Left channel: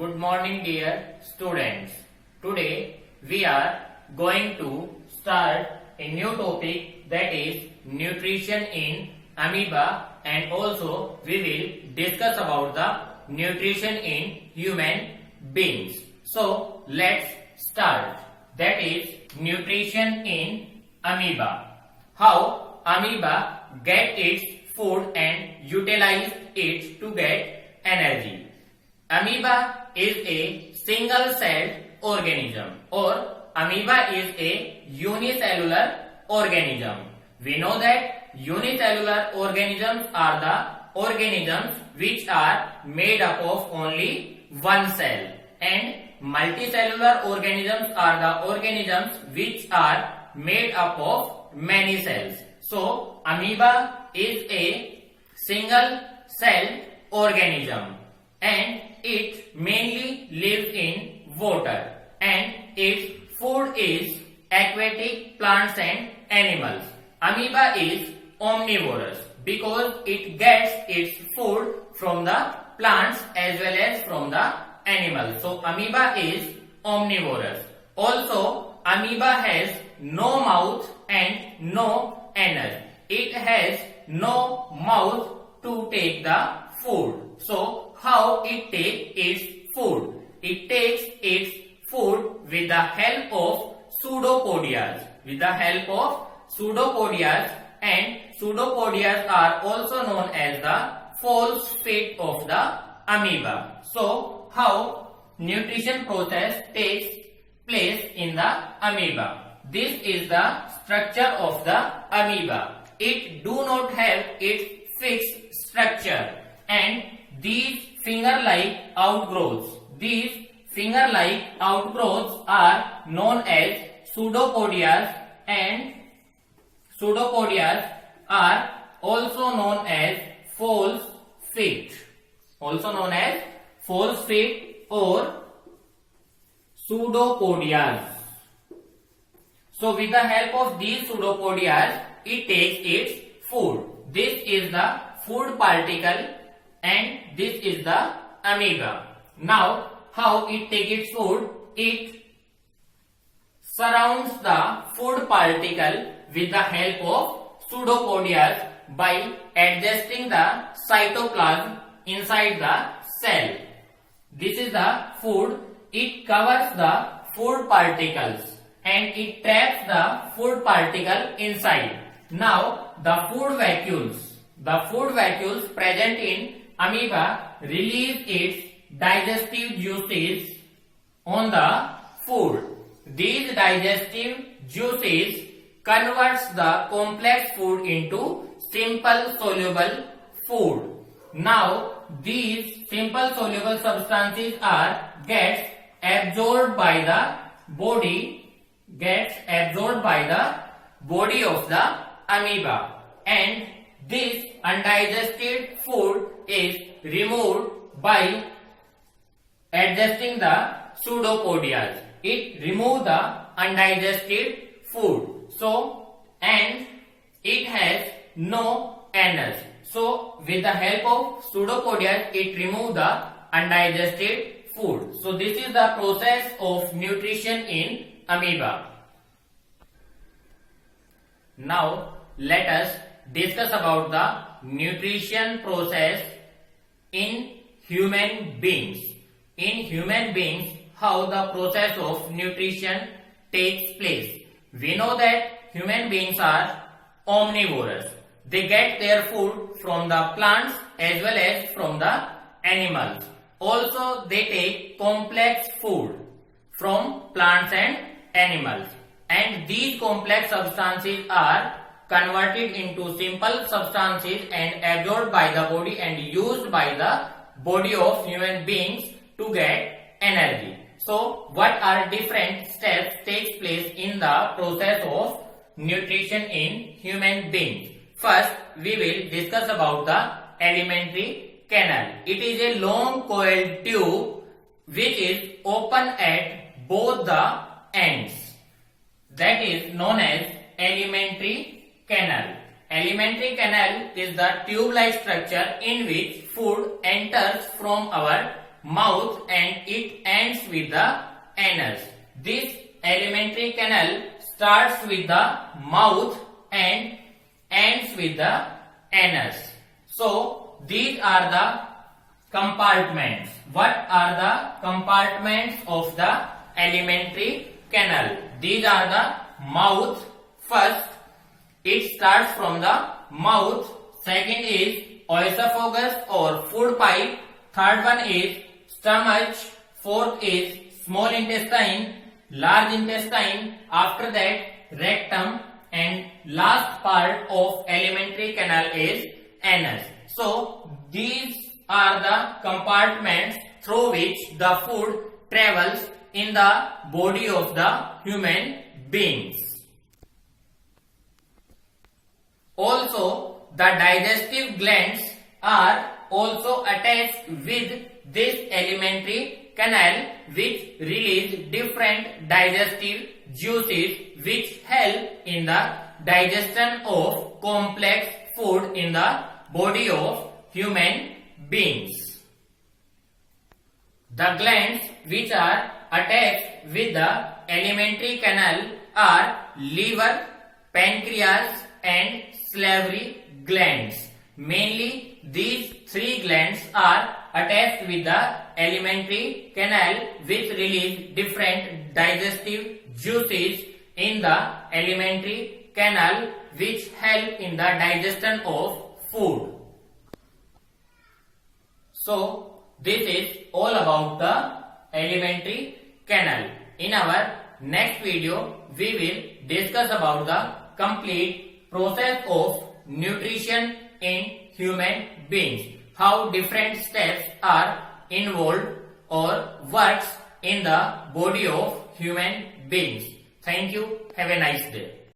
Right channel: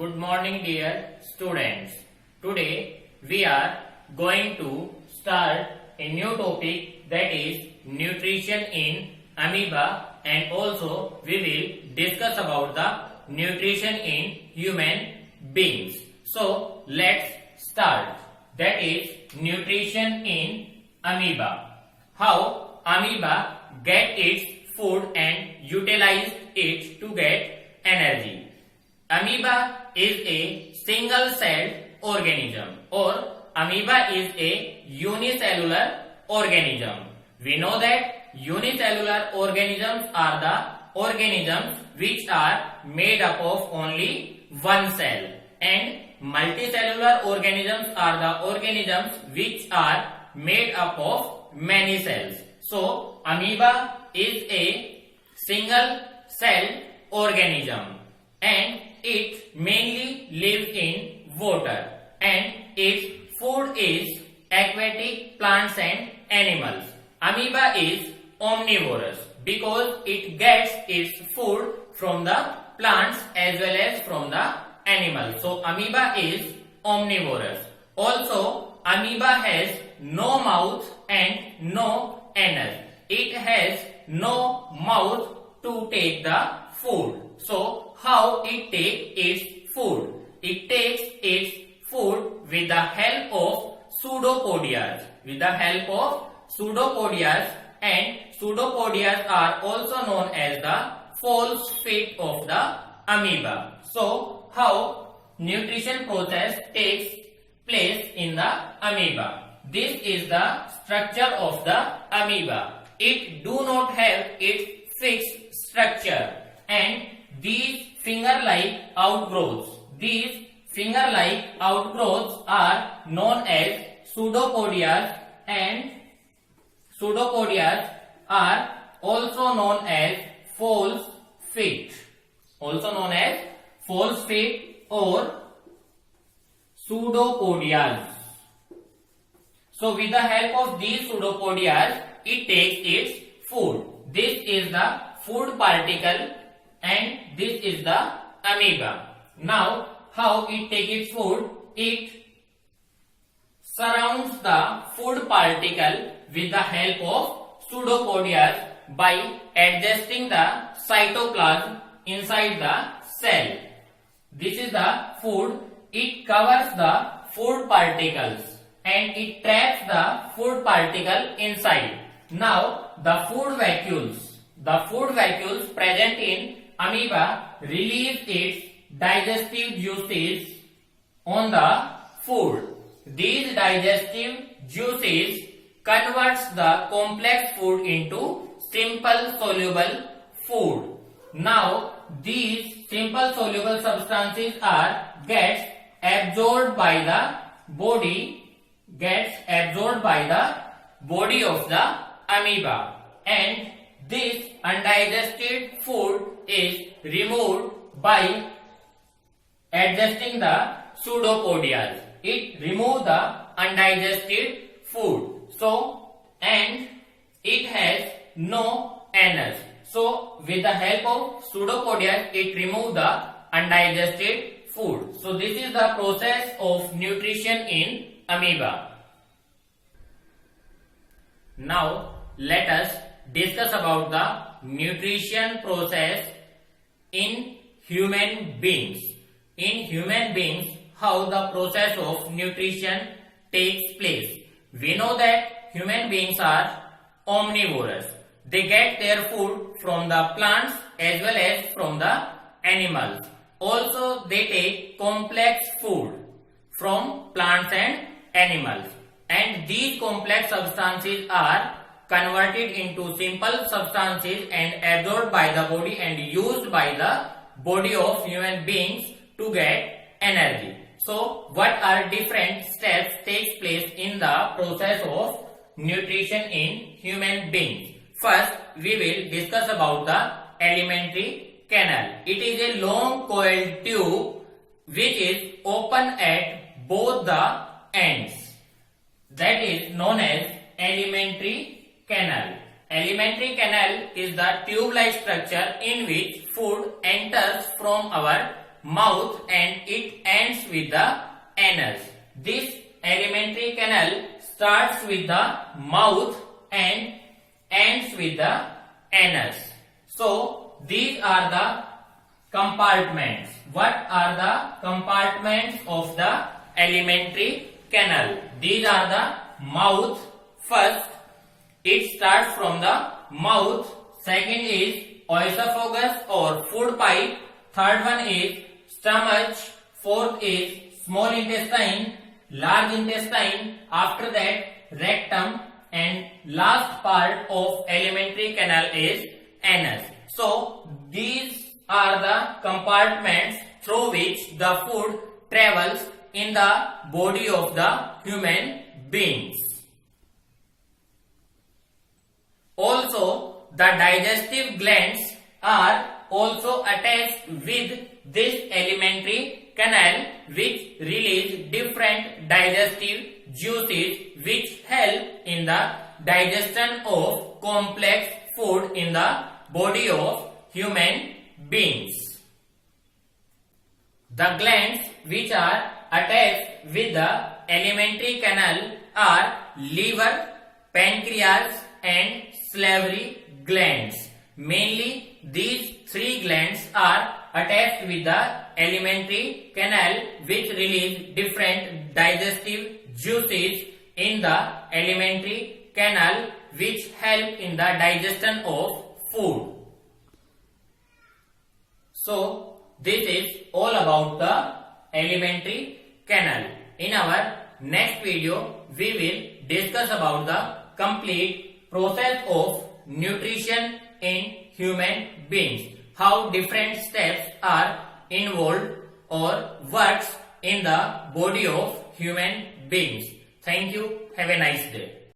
Good morning dear students. Today we are going to start a new topic, that is nutrition in amoeba, and also we will discuss about the nutrition in human beings. So let's start. That is nutrition in amoeba. How amoeba get its food and utilize it to get energy. Amoeba is a single-celled organism, or amoeba is a unicellular organism. We know that unicellular organisms are the organisms which are made up of only one cell, and multicellular organisms are the organisms which are made up of many cells. So amoeba is a single-celled organism, and it mainly lives in water, and its food is aquatic plants and animals. Amoeba is omnivorous because it gets its food from the plants as well as from the animals. So amoeba is omnivorous. Also, amoeba has no mouth and no anus. It has no mouth to take the food. So how it takes its food? It takes its food with the help of pseudopodias. With the help of pseudopodias, and pseudopodias are also known as the false feet of the amoeba. So how nutrition process takes place in the amoeba? This is the structure of the amoeba. It do not have its fixed structure, and these finger-like outgrowths are known as pseudopodias, and pseudopodias are also known as false feet, or pseudopodias. So with the help of these pseudopodias, it takes its food. This is the food particle, and this is the amoeba. Now how it takes its food? It surrounds the food particle with the help of pseudopodias by adjusting the cytoplasm inside the cell. This is the food. It covers the food particles and it traps the food particle inside. Now the food vacuoles present in amoeba release its digestive juices on the food. These digestive juices converts the complex food into simple soluble food. Now these simple soluble substances gets absorbed by the body of the amoeba, and this undigested food is removed by adjusting the pseudopodias. It removes the undigested food. So, and it has no anus. So with the help of pseudopodias, it removes the undigested food. So this is the process of nutrition in amoeba. Now let us discuss about the nutrition process in human beings. In human beings, how the process of nutrition takes place. We know that human beings are omnivorous. They get their food from the plants as well as from the animals. Also, they take complex food from plants and animals. And these complex substances are converted into simple substances and absorbed by the body and used by the body of human beings to get energy. So what are different steps takes place in the process of nutrition in human beings? First, we will discuss about the alimentary canal. It is a long coiled tube which is open at both the ends. That is known as alimentary canal. Alimentary canal is the tube-like structure in which food enters from our mouth and it ends with the anus. This alimentary canal starts with the mouth and ends with the anus. So these are the compartments. What are the compartments of the alimentary canal? These are the mouth. First, it starts from the mouth. Second is oesophagus or food pipe. Third one is stomach. Fourth is small intestine, large intestine. After that, rectum, and last part of alimentary canal is anus. So these are the compartments through which the food travels in the body of the human beings. Also, the digestive glands are also attached with this alimentary canal, which release different digestive juices which help in the digestion of complex food in the body of human beings. The glands which are attached with the alimentary canal are liver, pancreas and salivary glands. Mainly these three glands are attached with the alimentary canal, which release different digestive juices in the alimentary canal which help in the digestion of food. So this is all about the alimentary canal. In our next video, we will discuss about the complete process of nutrition in human beings. How different steps are involved or works in the body of human beings. Thank you. Have a nice day.